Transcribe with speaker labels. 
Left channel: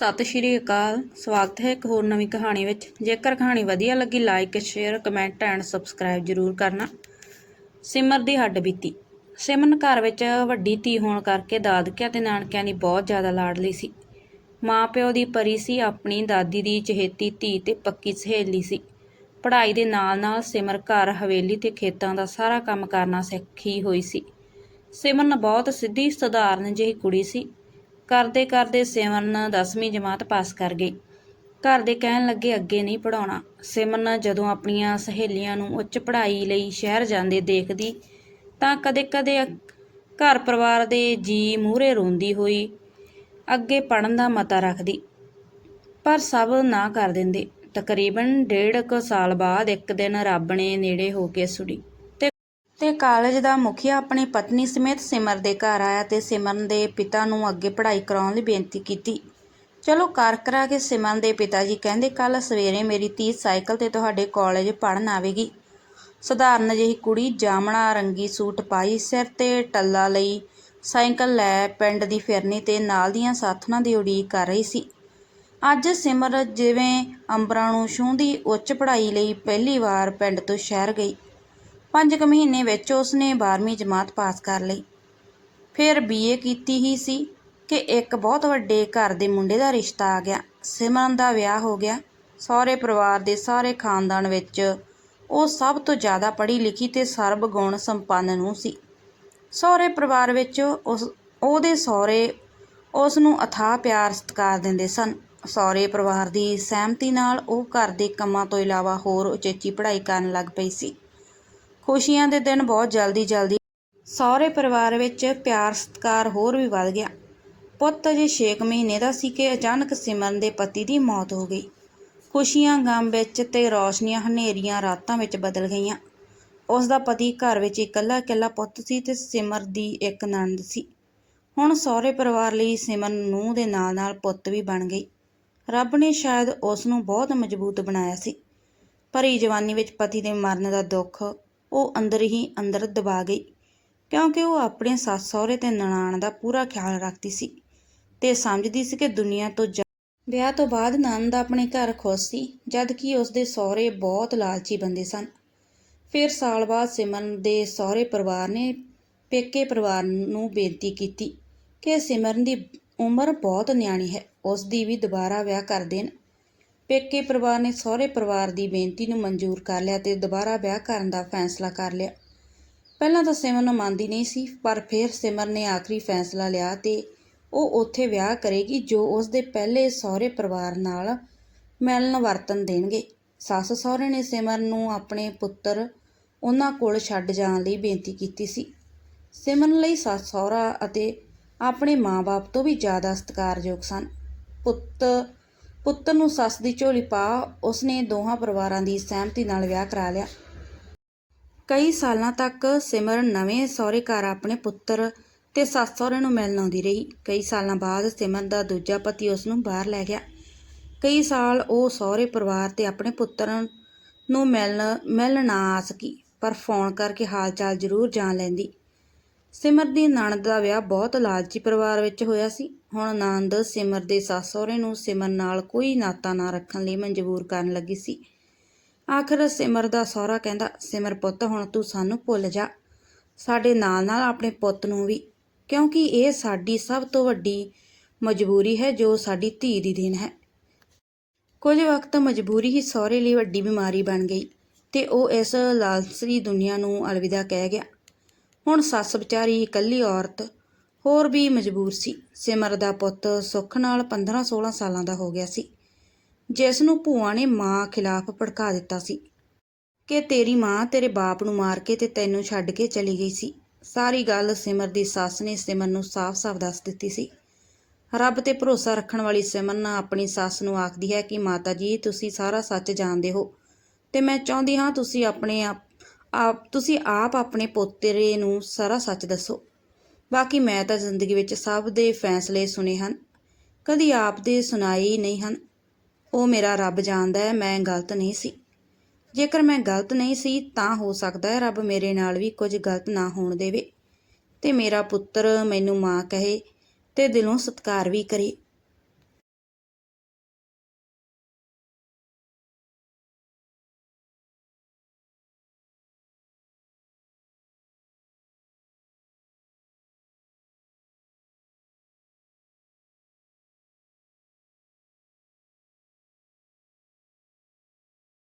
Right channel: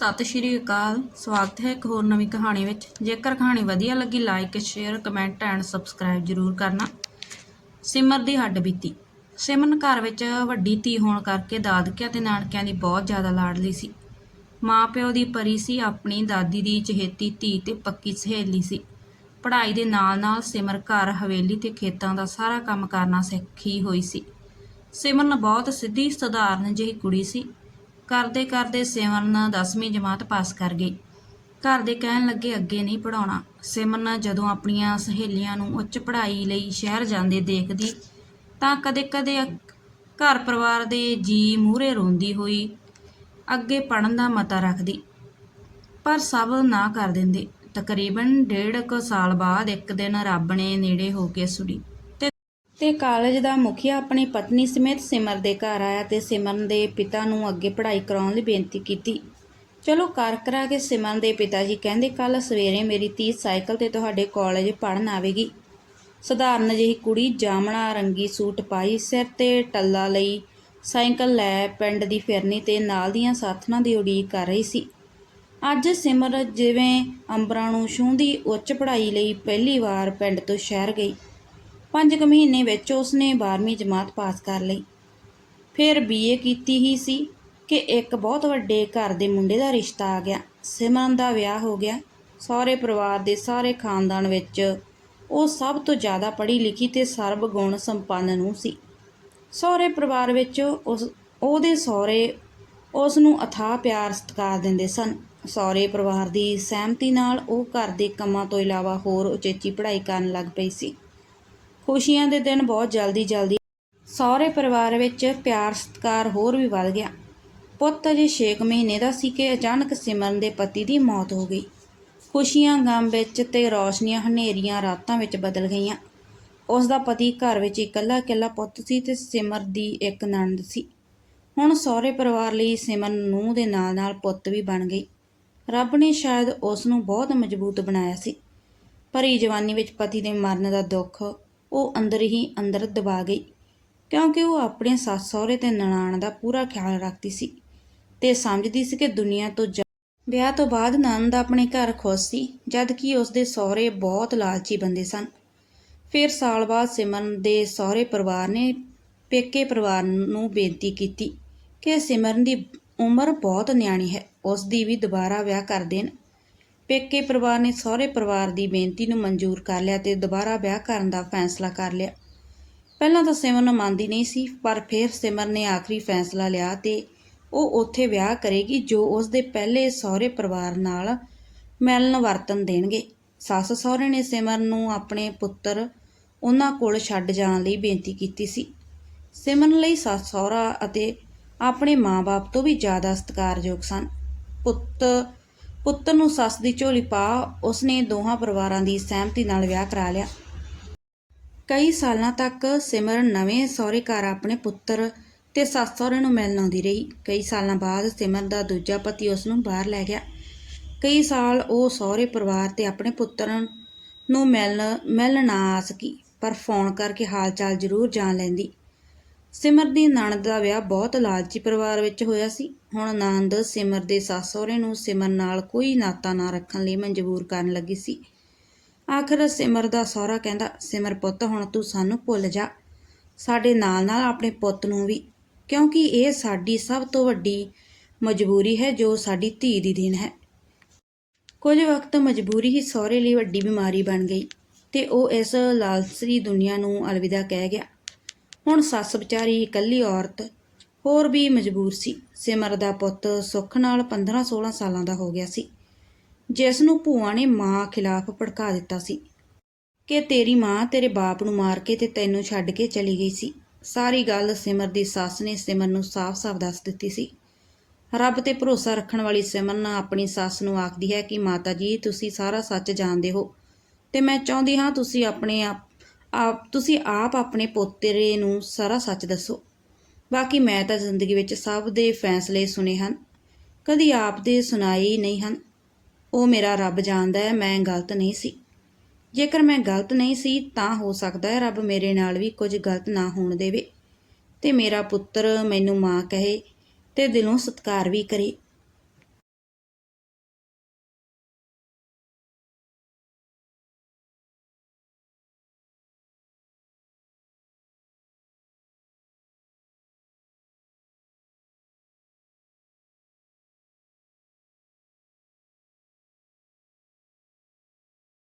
Speaker 1: ਸਤਿ ਸ਼੍ਰੀ ਅਕਾਲ। ਸਵਾਗਤ ਹੈ ਇੱਕ ਹੋਰ ਨਵੀਂ ਕਹਾਣੀ ਵਿੱਚ। ਜੇਕਰ ਕਹਾਣੀ ਵਧੀਆ ਲੱਗੀ like share comment and subscribe ਜ਼ਰੂਰ ਕਰਨਾ। ਸਿਮਰ ਦੀ ਹੱਡ ਬੀਤੀ। ਸਿਮਰਨ ਘਰ ਵਿੱਚ ਵੱਡੀ ਧੀ ਹੋਣ ਕਰਕੇ ਦਾਦਕਿਆਂ ਤੇ ਨਾਨਕਿਆਂ ਦੀ ਬਹੁਤ ਜ਼ਿਆਦਾ ਲਾਡਲੀ ਸੀ। ਮਾਂ ਪਿਓ ਦੀ ਪਰੀ ਸੀ, ਆਪਣੀ ਦਾਦੀ ਦੀ ਚਹੇਤੀ ਧੀ ਤੇ ਪੱਕੀ ਸਹੇਲੀ ਸੀ। ਪੜ੍ਹਾਈ ਦੇ ਨਾਲ-ਨਾਲ ਸਿਮਰ ਘਰ, ਹਵੇਲੀ ਤੇ ਖੇਤਾਂ ਦਾ ਸਾਰਾ ਕੰਮ ਕਰਨਾ ਸਿੱਖੀ ਹੋਈ ਸੀ। ਸਿਮਰਨ ਬਹੁਤ ਸਿੱਧੀ ਸਧਾਰਨ ਜਿਹੀ ਕੁੜੀ ਸੀ। ਕਰਦੇ ਕਰਦੇ ਸਿਮਰਨ 10ਵੀਂ ਜਮਾਤ ਪਾਸ ਕਰ ਗਈ। ਘਰ ਦੇ ਕਹਿਣ ਲੱਗੇ, ਅੱਗੇ ਨਹੀਂ ਪੜਾਉਣਾ ਸਿਮਰਨ ਜਦੋਂ ਆਪਣੀਆਂ ਸਹੇਲੀਆਂ ਨੂੰ ਉੱਚ ਪੜ੍ਹਾਈ ਲਈ ਸ਼ਹਿਰ ਜਾਂਦੇ ਦੇਖਦੀ, ਤਾਂ ਕਦੇ-ਕਦੇ ਘਰ ਪਰਿਵਾਰ ਦੇ ਜੀ ਮੂਹਰੇ ਰੋਂਦੀ ਹੋਈ ਅੱਗੇ ਪੜਨ ਦਾ ਮਤਾ ਰੱਖਦੀ। ਪਰ ਸਭ ਨਾ ਕਰ ਦਿੰਦੇ। ਤਕਰੀਬਨ ਡੇਢ ਕੁ ਸਾਲ ਬਾਅਦ ਇੱਕ ਦਿਨ ਰੱਬ ਨੇ ਨੇੜੇ ਹੋ ਕੇ ਸੁਣੀ। ਤੇ ਕਾਲਜ ਦਾ ਮੁਖੀਆ ਆਪਣੀ ਪਤਨੀ ਸਮੇਤ ਸਿਮਰ ਦੇ ਘਰ ਆਇਆ ਤੇ ਸਿਮਰਨ ਦੇ ਪਿਤਾ ਨੂੰ ਅੱਗੇ ਪੜ੍ਹਾਈ ਕਰਾਉਣ ਲਈ ਬੇਨਤੀ ਕੀਤੀ। ਚਲੋ ਕਰ ਕਰਾ ਕੇ ਸਿਮਰਨ ਦੇ ਪਿਤਾ ਜੀ ਕਹਿੰਦੇ ਕੱਲ ਸਵੇਰੇ ਮੇਰੀ ਧੀ ਸਾਈਕਲ ਤੇ ਤੁਹਾਡੇ ਕਾਲਜ ਪੜਨ ਆਵੇਗੀ। ਸਧਾਰਨ ਜਿਹੀ ਕੁੜੀ ਜਾਮਣਾ ਰੰਗੀ ਸੂਟ ਪਾਈ, ਸਿਰ ਤੇ ਟੱਲਾ ਲਈ ਸਾਈਕਲ ਲੈ ਪਿੰਡ ਦੀ ਫਿਰਨੀ ਤੇ ਨਾਲ ਦੀਆਂ ਸਾਥਣਾਂ ਦੀ ਉਡੀਕ ਕਰ ਰਹੀ ਸੀ। ਅੱਜ ਸਿਮਰ ਜਿਵੇਂ ਅੰਬਰਾਂ ਨੂੰ ਛੂੰਹਦੀ, ਉੱਚ ਪੜ੍ਹਾਈ ਲਈ ਪਹਿਲੀ ਵਾਰ ਪਿੰਡ ਤੋਂ ਸ਼ਹਿਰ ਗਈ। ਪੰਜ ਕੁ ਮਹੀਨੇ ਵਿੱਚ ਉਸਨੇ 12ਵੀਂ ਜਮਾਤ ਪਾਸ ਕਰ ਲਈ। ਫਿਰ ਬੀਏ ਕੀਤੀ ਹੀ ਸੀ ਕਿ ਇੱਕ ਬਹੁਤ ਵੱਡੇ ਘਰ ਦੇ ਮੁੰਡੇ ਦਾ ਰਿਸ਼ਤਾ ਆ ਗਿਆ। ਸਿਮਰਨ ਦਾ ਵਿਆਹ ਹੋ ਗਿਆ। ਸਹੁਰੇ ਪਰਿਵਾਰ ਦੇ ਸਾਰੇ ਖਾਨਦਾਨ ਵਿੱਚ ਉਹ ਸਭ ਤੋਂ ਜ਼ਿਆਦਾ ਪੜ੍ਹੀ ਲਿਖੀ ਤੇ ਸਰਬ ਗੁਣ ਸੰਪੰਨ ਨੂੰ ਸੀ। ਸਹੁਰੇ ਪਰਿਵਾਰ ਵਿੱਚ ਉਸ, ਉਹਦੇ ਸਹੁਰੇ ਉਸ ਨੂੰ ਅਥਾਹ ਪਿਆਰ ਸਤਿਕਾਰ ਦਿੰਦੇ ਸਨ। ਸਹੁਰੇ ਪਰਿਵਾਰ ਦੀ ਸਹਿਮਤੀ ਨਾਲ ਉਹ ਘਰ ਦੇ ਕੰਮਾਂ ਤੋਂ ਇਲਾਵਾ ਹੋਰ ਉਚੇਚੀ ਪੜ੍ਹਾਈ ਕਰਨ ਲੱਗ ਪਈ ਸੀ। ਖੁਸ਼ੀਆਂ ਦੇ ਦਿਨ ਬਹੁਤ ਜਲਦੀ ਜਲਦੀ ਸਹੁਰੇ ਪਰਿਵਾਰ ਵਿੱਚ ਪਿਆਰ ਸਤਿਕਾਰ ਹੋਰ ਵੀ ਵੱਧ ਗਿਆ। ਪੁੱਤ ਅਜੇ 6 ਮਹੀਨੇ ਦਾ ਸੀ ਕਿ ਅਚਾਨਕ ਸਿਮਰਨ ਦੇ ਪਤੀ ਦੀ ਮੌਤ ਹੋ ਗਈ। ਖੁਸ਼ੀਆਂ ਗਮ ਵਿੱਚ ਤੇ ਰੌਸ਼ਨੀਆਂ ਹਨੇਰੀਆਂ ਰਾਤਾਂ ਵਿੱਚ ਬਦਲ ਗਈਆਂ। ਉਸ ਦਾ ਪਤੀ ਘਰ ਵਿੱਚ ਇਕੱਲਾ ਇਕੱਲਾ ਪੁੱਤ ਸੀ ਤੇ ਸਿਮਰ ਦੀ ਇੱਕ ਨਣਦ ਸੀ। ਹੁਣ ਸਹੁਰੇ ਪਰਿਵਾਰ ਲਈ ਸਿਮਰਨ ਨੂੰ ਦੇ ਨਾਲ ਨਾਲ ਪੁੱਤ ਵੀ ਬਣ ਗਈ। ਰੱਬ ਨੇ ਸ਼ਾਇਦ ਉਸ ਨੂੰ ਬਹੁਤ ਮਜ਼ਬੂਤ ਬਣਾਇਆ ਸੀ। ਭਰੀ ਜਵਾਨੀ ਵਿੱਚ ਪਤੀ ਦੇ ਮਰਨ ਦਾ ਦੁੱਖ ਉਹ ਅੰਦਰ ਹੀ ਅੰਦਰ ਦਬਾ ਗਈ, ਕਿਉਂਕਿ ਉਹ ਆਪਣੇ ਸੱਸ ਸਹੁਰੇ ਤੇ ਨਨਾਣ ਦਾ ਪੂਰਾ ਖਿਆਲ ਰੱਖਦੀ ਸੀ ਤੇ ਸਮਝਦੀ ਸੀ ਕਿ ਦੁਨੀਆ ਤੋਂ ਜਾ- ਵਿਆਹ ਤੋਂ ਬਾਅਦ ਨੰਦ ਆਪਣੇ ਘਰ ਖੁਸ਼ ਸੀ ਜਦ ਕਿ ਉਸ ਦੇ ਸਹੁਰੇ ਬਹੁਤ ਲਾਲਚੀ ਬੰਦੇ ਸਨ। ਫਿਰ ਸਾਲ ਬਾਅਦ ਸਿਮਰਨ ਦੇ ਸਹੁਰੇ ਪਰਿਵਾਰ ਨੇ ਪੇਕੇ ਪਰਿਵਾਰ ਨੂੰ ਬੇਨਤੀ ਕੀਤੀ ਕਿ ਸਿਮਰਨ ਦੀ ਉਮਰ ਬਹੁਤ ਨਿਆਣੀ ਹੈ ਉਸ ਦੀ ਵੀ ਦੁਬਾਰਾ ਵਿਆਹ ਕਰ ਦੇਣ। ਪੇਕੇ ਪਰਿਵਾਰ ਨੇ ਸਹੁਰੇ ਪਰਿਵਾਰ ਦੀ ਬੇਨਤੀ ਨੂੰ ਮਨਜ਼ੂਰ ਕਰ ਲਿਆ ਤੇ ਦੁਬਾਰਾ ਵਿਆਹ ਕਰਨ ਦਾ ਫੈਸਲਾ ਕਰ ਲਿਆ। ਪਹਿਲਾਂ ਤਾਂ ਸਿਮਰਨ ਮੰਨਦੀ ਨਹੀਂ ਸੀ, ਪਰ ਫਿਰ ਸਿਮਰਨ ਨੇ ਆਖਰੀ ਫੈਸਲਾ ਲਿਆ ਤੇ ਉਹ ਉੱਥੇ ਵਿਆਹ ਕਰੇਗੀ ਜੋ ਉਸ ਦੇ ਪਹਿਲੇ ਸਹੁਰੇ ਪਰਿਵਾਰ ਨਾਲ ਮਿਲਣ ਵਰਤਨ ਦੇਣਗੇ। ਸੱਸ ਸਹੁਰੇ ਨੇ ਸਿਮਰਨ ਨੂੰ ਆਪਣੇ ਪੁੱਤਰ ਉਹਨਾਂ ਕੋਲ ਛੱਡ ਜਾਣ ਲਈ ਬੇਨਤੀ ਕੀਤੀ ਸੀ। ਸਿਮਰਨ ਲਈ ਸੱਸ ਸਹੁਰਾ ਅਤੇ ਆਪਣੇ ਮਾਂ-ਬਾਪ ਤੋਂ ਵੀ ਜ਼ਿਆਦਾ ਸਤਿਕਾਰਯੋਗ ਸਨ। ਪੁੱਤ ਪੁੱਤਰ ਨੂੰ ਸੱਸ ਦੀ ਝੋਲੀ ਪਾ ਉਸਨੇ ਦੋਹਾਂ ਪਰਿਵਾਰਾਂ ਦੀ ਸਹਿਮਤੀ ਨਾਲ ਵਿਆਹ ਕਰਾ ਲਿਆ। ਕਈ ਸਾਲਾਂ ਤੱਕ ਸਿਮਰਨ ਨਵੇਂ ਸਹੁਰੇ ਘਰ ਆਪਣੇ ਪੁੱਤਰ ਤੇ ਸੱਸ ਸਹੁਰੇ ਨੂੰ ਮਿਲਣ ਆਉਂਦੀ ਰਹੀ। ਕਈ ਸਾਲਾਂ ਬਾਅਦ ਸਿਮਰਨ ਦਾ ਦੂਜਾ ਪਤੀ ਉਸ ਨੂੰ ਬਾਹਰ ਲੈ ਗਿਆ। ਕਈ ਸਾਲ ਉਹ ਸਹੁਰੇ ਪਰਿਵਾਰ ਤੇ ਆਪਣੇ ਪੁੱਤਰ ਨੂੰ ਮਿਲਣ ਮਿਲਣ ਨਾ ਆ ਸਕੀ, ਪਰ ਫੋਨ ਕਰਕੇ ਹਾਲ ਚਾਲ ਜ਼ਰੂਰ ਜਾਣ ਲੈਂਦੀ। ਸਿਮਰ ਦੀ ਨਣਦ ਦਾ ਵਿਆਹ ਬਹੁਤ ਲਾਲਚੀ ਪਰਿਵਾਰ ਵਿੱਚ ਹੋਇਆ ਸੀ। ਹੁਣ ਨਣਦ ਸਿਮਰ ਦੇ ਸੱਸ ਸਹੁਰੇ ਨੂੰ ਸਿਮਰ ਨਾਲ ਕੋਈ ਨਾਤਾ ਨਾ ਰੱਖਣ ਲਈ ਮਜਬੂਰ ਕਰਨ ਲੱਗੀ ਸੀ। ਆਖਰ ਸਿਮਰ ਦਾ ਸਹੁਰਾ ਕਹਿੰਦਾ, ਸਿਮਰ ਪੁੱਤ, ਹੁਣ ਤੂੰ ਸਾਨੂੰ ਭੁੱਲ ਜਾ। ਸਾਡੇ ਨਾਲ ਨਾਲ ਆਪਣੇ ਪੁੱਤ ਨੂੰ ਵੀ। ਕਿਉਂਕਿ ਇਹ ਸਾਡੀ ਸਭ ਤੋਂ ਵੱਡੀ ਮਜਬੂਰੀ ਹੈ, ਜੋ ਸਾਡੀ ਧੀ ਦੀ ਦੇਣ ਹੈ। ਕੁਝ ਵਕਤ ਮਜਬੂਰੀ ਹੀ ਸਹੁਰੇ ਲਈ ਵੱਡੀ ਬਿਮਾਰੀ ਬਣ ਗਈ ਤੇ ਉਹ ਇਸ ਲਾਲਸਰੀ ਦੁਨੀਆ ਨੂੰ ਅਲਵਿਦਾ ਕਹਿ ਗਿਆ। ਹੁਣ ਸੱਸ ਵਿਚਾਰੀ ਇਕੱਲੀ ਔਰਤ, ਹੋਰ ਵੀ ਮਜਬੂਰ ਸੀ। ਸਿਮਰ ਦਾ ਪੁੱਤ ਸੁੱਖ ਨਾਲ 15-16 ਸਾਲਾਂ ਦਾ ਹੋ ਗਿਆ ਸੀ। ਜਿਸ ਨੂੰ ਭੂਆ ਨੇ ਮਾਂ ਖਿਲਾਫ ਭੜਕਾ ਦਿੱਤਾ ਸੀ ਕਿ ਤੇਰੀ ਮਾਂ ਤੇਰੇ ਬਾਪ ਨੂੰ ਮਾਰ ਕੇ ਤੇ ਤੈਨੂੰ ਛੱਡ ਕੇ ਚਲੀ ਗਈ ਸੀ। ਸਾਰੀ ਗੱਲ ਸਿਮਰ ਦੀ ਸੱਸ ਨੇ ਸਿਮਰ ਨੂੰ ਸਾਫ਼-ਸਾਫ਼ ਦੱਸ ਦਿੱਤੀ ਸੀ। ਰੱਬ ਤੇ ਭਰੋਸਾ ਰੱਖਣ ਵਾਲੀ ਸਿਮਰਨ ਆਪਣੀ ਸੱਸ ਨੂੰ ਆਖਦੀ ਹੈ ਕਿ, ਮਾਤਾ ਜੀ, ਤੁਸੀਂ ਸਾਰਾ ਸੱਚ ਜਾਣਦੇ ਹੋ ਤੇ ਮੈਂ ਚਾਹੁੰਦੀ ਹਾਂ ਤੁਸੀਂ ਆਪਣੇ ਆਪ ਆਪ, ਤੁਸੀਂ ਆਪ ਆਪਣੇ ਪੋਤਰੇ ਨੂੰ ਸਾਰਾ ਸੱਚ ਦੱਸੋ। ਬਾਕੀ ਮੈਂ ਤਾਂ ਜ਼ਿੰਦਗੀ ਵਿੱਚ ਸਭ ਦੇ ਫੈਸਲੇ ਸੁਨੇ ਹਨ। ਕਦੀ ਆਪ ਦੇ ਸੁਣਾਏ ਨਹੀਂ ਹਨ। ਉਹ ਮੇਰਾ ਰੱਬ ਜਾਣਦਾ ਹੈ, ਮੈਂ ਗਲਤ ਨਹੀਂ ਸੀ। ਜੇਕਰ ਮੈਂ ਗਲਤ ਨਹੀਂ ਸੀ, ਤਾਂ ਹੋ ਸਕਦਾ ਹੈ ਰੱਬ ਮੇਰੇ ਨਾਲ ਵੀ ਕੁਝ ਗਲਤ ਨਾ ਹੋਣ ਦੇਵੇ। ਤੇ ਮੇਰਾ ਪੁੱਤਰ ਮੈਨੂੰ ਮਾਂ ਕਹੇ ਤੇ ਦਿਲੋਂ ਸਤਿਕਾਰ ਵੀ ਕਰੇ।